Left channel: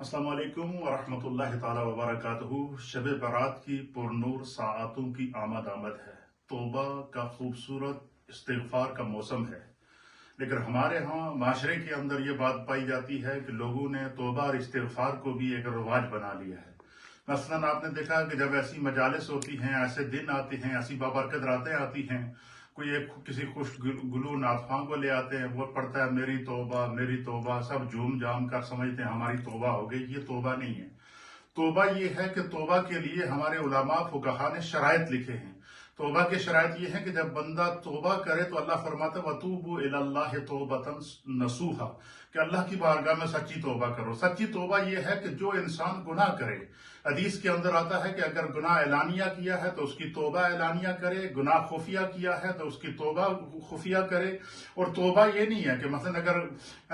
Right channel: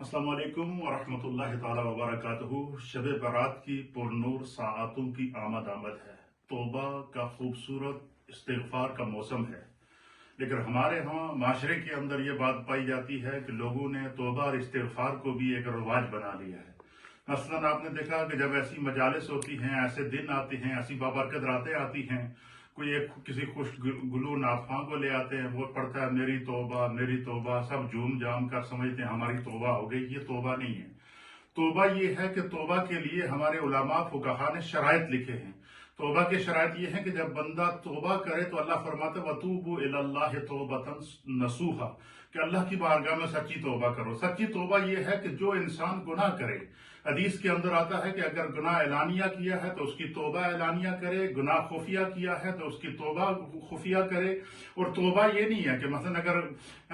अस्सलाम वालेकुम वरहमतुल्लाहि ताला वबरकातुहू। शब बारात की पुरनूर साआतों की आमद है। तौबा का खूबसूरत इस्तिग़फ़ार का मौसम है। लेकिन हमारे यहाँ माशरे के अंदर ये बात पाई जाती है कि लोगों ने तौबा और इस्तिग़फ़ार को भी एक रिवाज बना लिया है। मसलन आपने देखा कि जब ऐसी मजालिस होती हैं, ऐसे दिन आते हैं, ऐसी बाबरकत रातें आती हैं, कोई एक किसी खुश गुलू नातख़्वां को ले आते हैं, वो पढ़ता है मेरी तौबा, सब झूम जाम कर समझते हैं हमारी तौबा हो गई। ये तौबा नहीं है। तौबा ये है कि तौबा के लिए हमारे उलमा फुक़हा ने शराइत लिखे हैं। तौबा के शराइत ये है कि जब बंदा तौबा करे तो अल्लाह फरमाता है वतूबू इलल्लाहि तौबतन नसूहा, कि अल्लाह की बारगाह में सच्ची तौबा करो। सच्ची तौबा ये है कि जो इंसान गुनाह करे, हदीस के अंदर आता है कि अगर गुनाह एलानिया किया है तो उसकी तौबा एलानिया करे, गुनाह खुफिया किया है तो उसकी तौबा खुफिया करे। और तौबा ये नहीं है कि मसलन अगर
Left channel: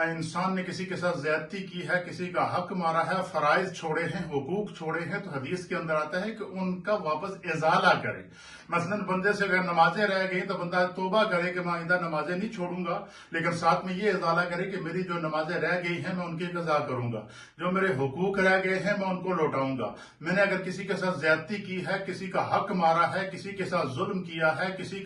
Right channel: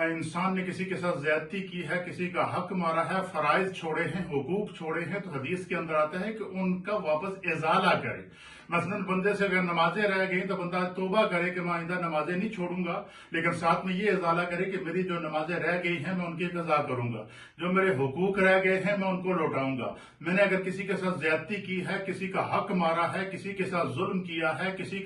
इंसान ने किसी के साथ ज्यादती की है, किसी का हक मारा है, फराइज छोड़े हैं, हुकूक छोड़े हैं, तो हदीस के अंदर आता है कि उनका वापस इजाला करे। मसलन बंदे से अगर नमाजें रह गई तो बंदा तौबा करे कि मैं आइंदा नमाजें नहीं छोड़ूंगा, लेकिन साथ में ये इजाला करे कि मेरी जो नमाजें रह गई हैं मैं उनकी कज़ा करूंगा, जो मेरे हुकूक रह गए हैं मैं उनको लौटाऊंगा। मैंने अगर किसी के साथ ज्यादती की है, किसी का हक मारा है, किसी के साथ जुल्म किया है, किसी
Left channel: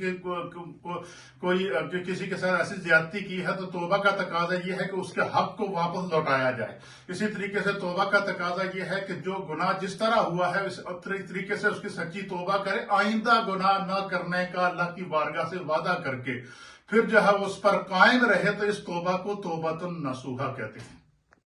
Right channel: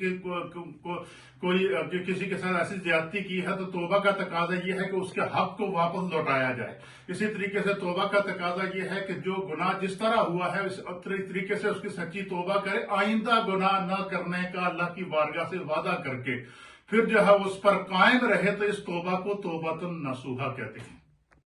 के साथ ऐसी ज्यादती की है, तो तौबा का तकाजा ये है कि उसके हक को वापस लौटाया जाए। इसी तरीके से तौबा का तकाजा ये है कि जो गुनाह जिस तरह हुआ है इस तरीके से उसकी सच्ची तौबा करे, आइंदा गुनाह न करने का अल्लाह की बारगाह से वादा करके फिर जो है उस पर कायम रहे, तो इस तौबा को तौबतन नसूहा कहते हैं।